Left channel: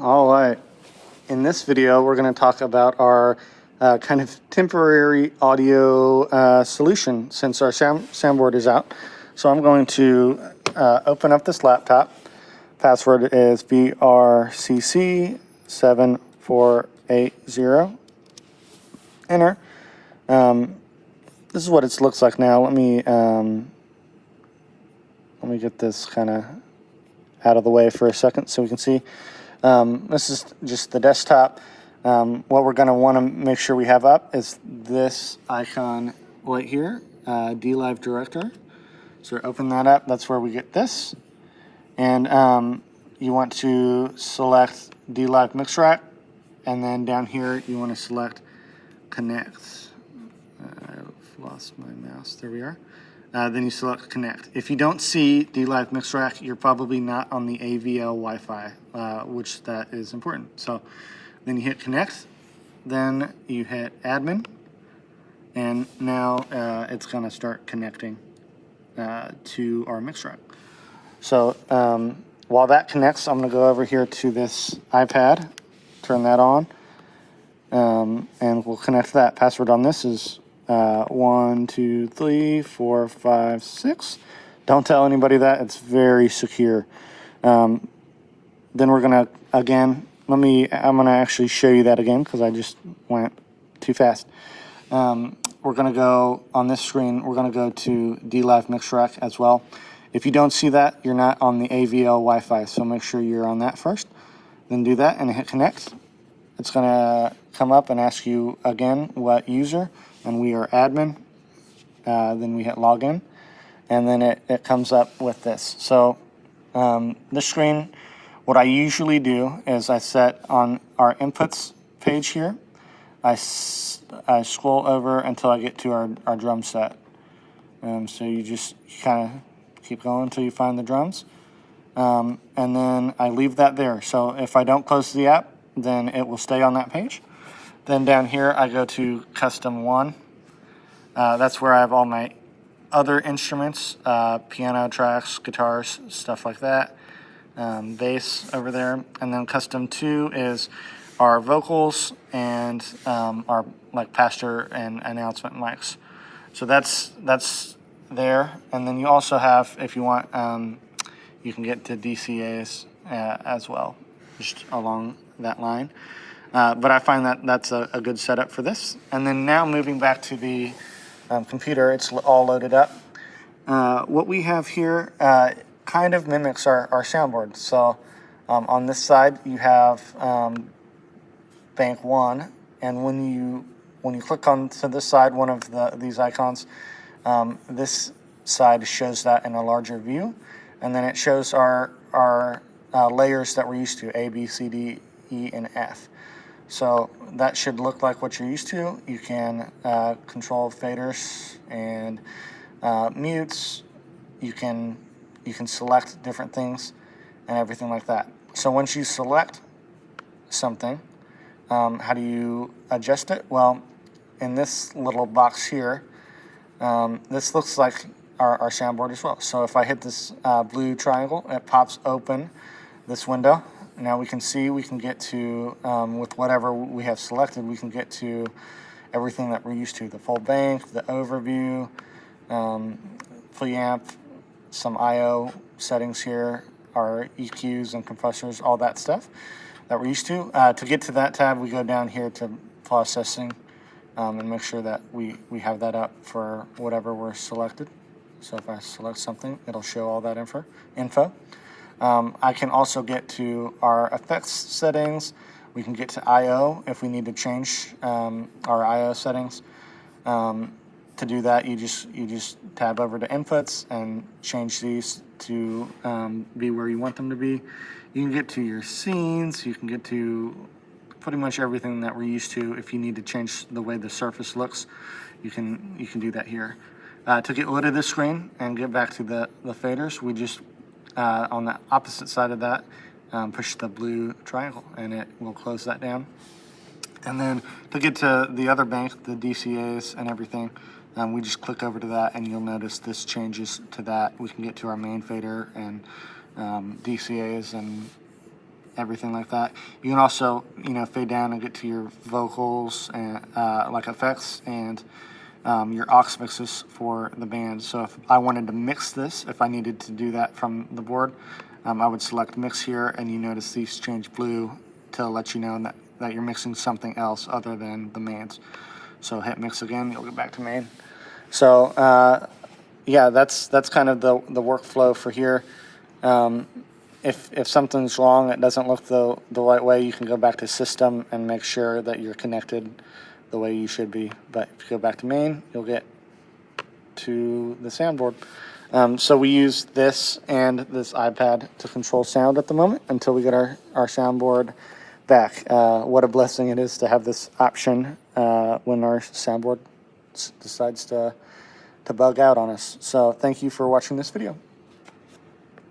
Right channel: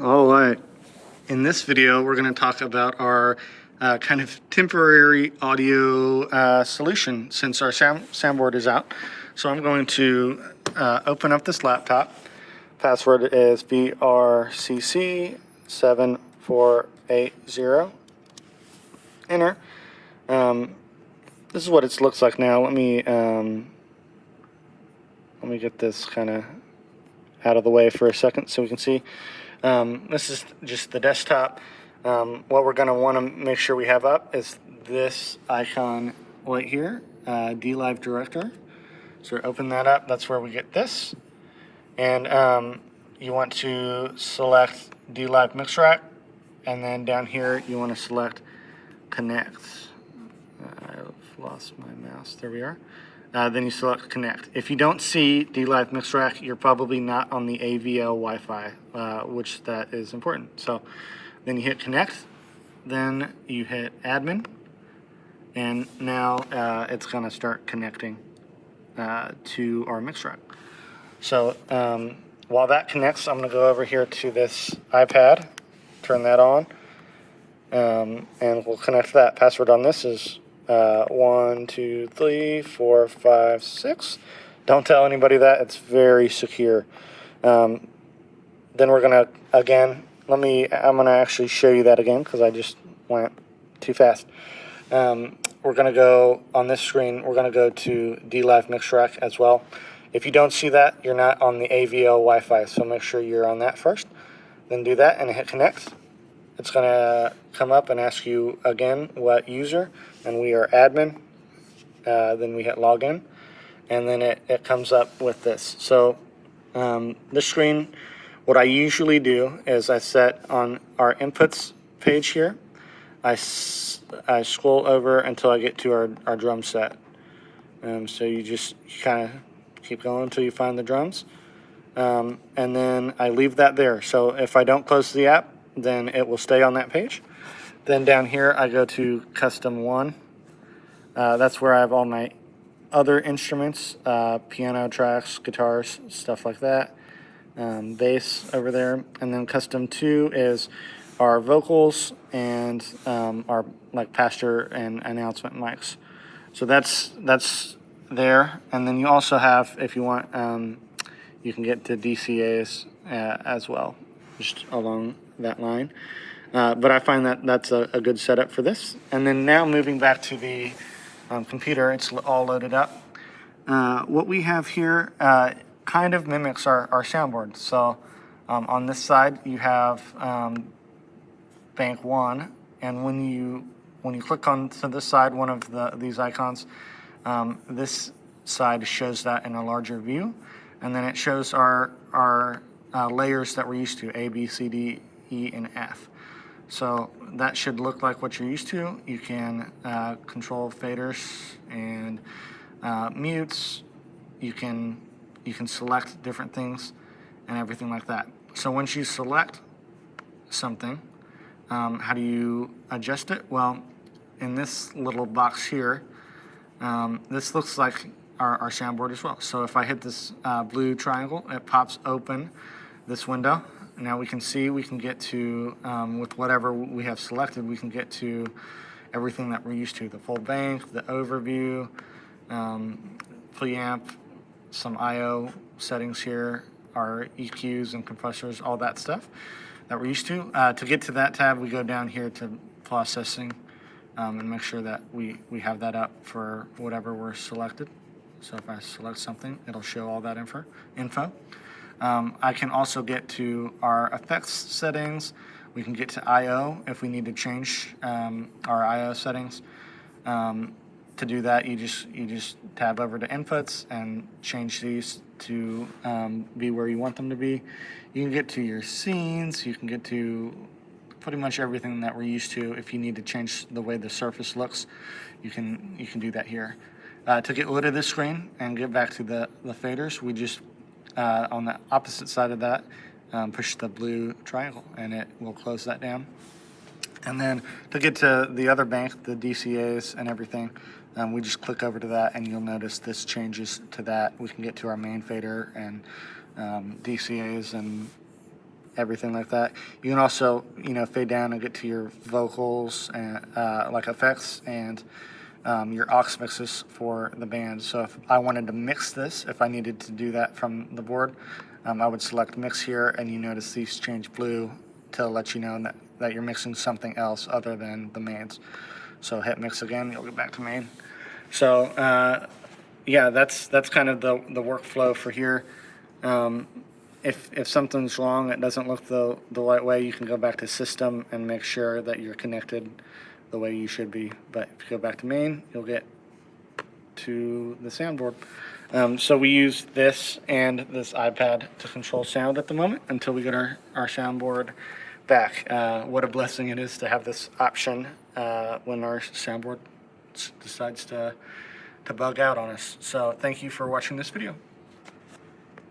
All right. In this video, we're going to talk about our kind of temporary audio solution since our soundboard is out. So I'm going to open up this laptop. Password is BRCC7480. Enter. This is what it looks like now. Let me get this kind of out of the way for a second so we can see. This is just the desktop. What we're going to want to make sure we have up is this icon right here, DLive Director. So open that up. That's where we get this. And you want to select DLive Mix Rack. And then down here, you want to select Connect. I've lost my mouse. There we are. Then you select Connect. If you don't see DLive Mix Rack, you're probably not on the AVL Wi-Fi, which that is important. So then you hit Connect, then you hit Admin, and now it's going to start connecting to our Mix Rack. So while that connects, I'm going to go over here to this iPad, turn that on, and we'll connect that. Password on this is 1, 2, 3, 4, 5, 6. Don't tell anybody that. It's very secure. Then we're gonna again. I'm gonna actually show you that again because I just went too fast. We're gonna go on this screen. We're gonna go to DLive Mix Rack as well. If you don't see that, you're not on the AVL Wi-Fi, so make sure you're on that first. Then do that and hit Connect. It's going to come up and ask you again what user, and we are admin. Then we hit login, and then it comes up with this. So this screen, what I usually do is I set on our inputs page here. I scroll over until I get to our drum set. So you just kind of keep going until you find the drums. And then I leave that there. So if I don't close the app, then it will stay on that page. Then down here, I go to Custom 1. That's where I have all my other instruments, piano tracks, guitars, stuff like that, bass over there. And then Custom 2 is our vocals and our like pastor and announcement mics. So that's there. And then you also have, if you want, you can get to DCAs as well, just along that line. But I find that that's a good setup for this. And then now moving back to the computer, it's all loaded up. What we have here kind of mimics our soundboard. So on this side, you have Bank 1, and when you click on to this side, one of these icons, this side shows that in a larger view. And then it shows our layers that we're used to, A, B, C, D, E, and F. So that should look like what you're used to. You can control faders and mutes. You can select different things and everything like that. So once you select something, how do you adjust it? Well, in this little box here, this looks like our soundboard as well. So if I hit this blue triangle, it pops open this window. Now we can see, we can get to, with whatever we have selected, we can get to everything that we're used to. The full bank, the overview, preamp, some I/O settings here, our EQs and compressors, all that stuff that we're used to. To get to that tab, we go down here to processing and make sure that we have that up for whatever we're selected. So if I select something, it'll show all that info. I can also get to our effects settings. We can get to I/O if we need to change our I/O settings. To do that, you just tab over to inputs and change these to be where you want them to be. You can get to your scenes. You can get to pretty much everything that we're used to. If you need to change the way the surface looks, you can do that here. To get rid of this screen and get back to the faders, we just on the opposite side of that, push the blue triangle and it will close that down. And then to get to the other bank, the DCAs and everything, we just click over to that and you'll notice this changes to that. We can get to our main fader and DCAs and everything like that. You can also, fade down and get to your vocals and like effects and your aux mixes for the band. So if I wanted to mix this, if I needed to do that from the board, I would select mix here, and you notice these change blue to let you know that you're mixing something else other than the mains. So hit mix again, you'll get back to main. So yeah, that's kind of the workflow for here. If something's wrong, it doesn't look the right way, you can go back to system and make sure that you're connected the way you should be. But if you go back to main, you'll get to the soundboard. So we use this and this iPad to control sound at the moment until we get our soundboard back. What a blessing it is to have this option when our soundboard decides to bug out on us. So thank you for watching this video.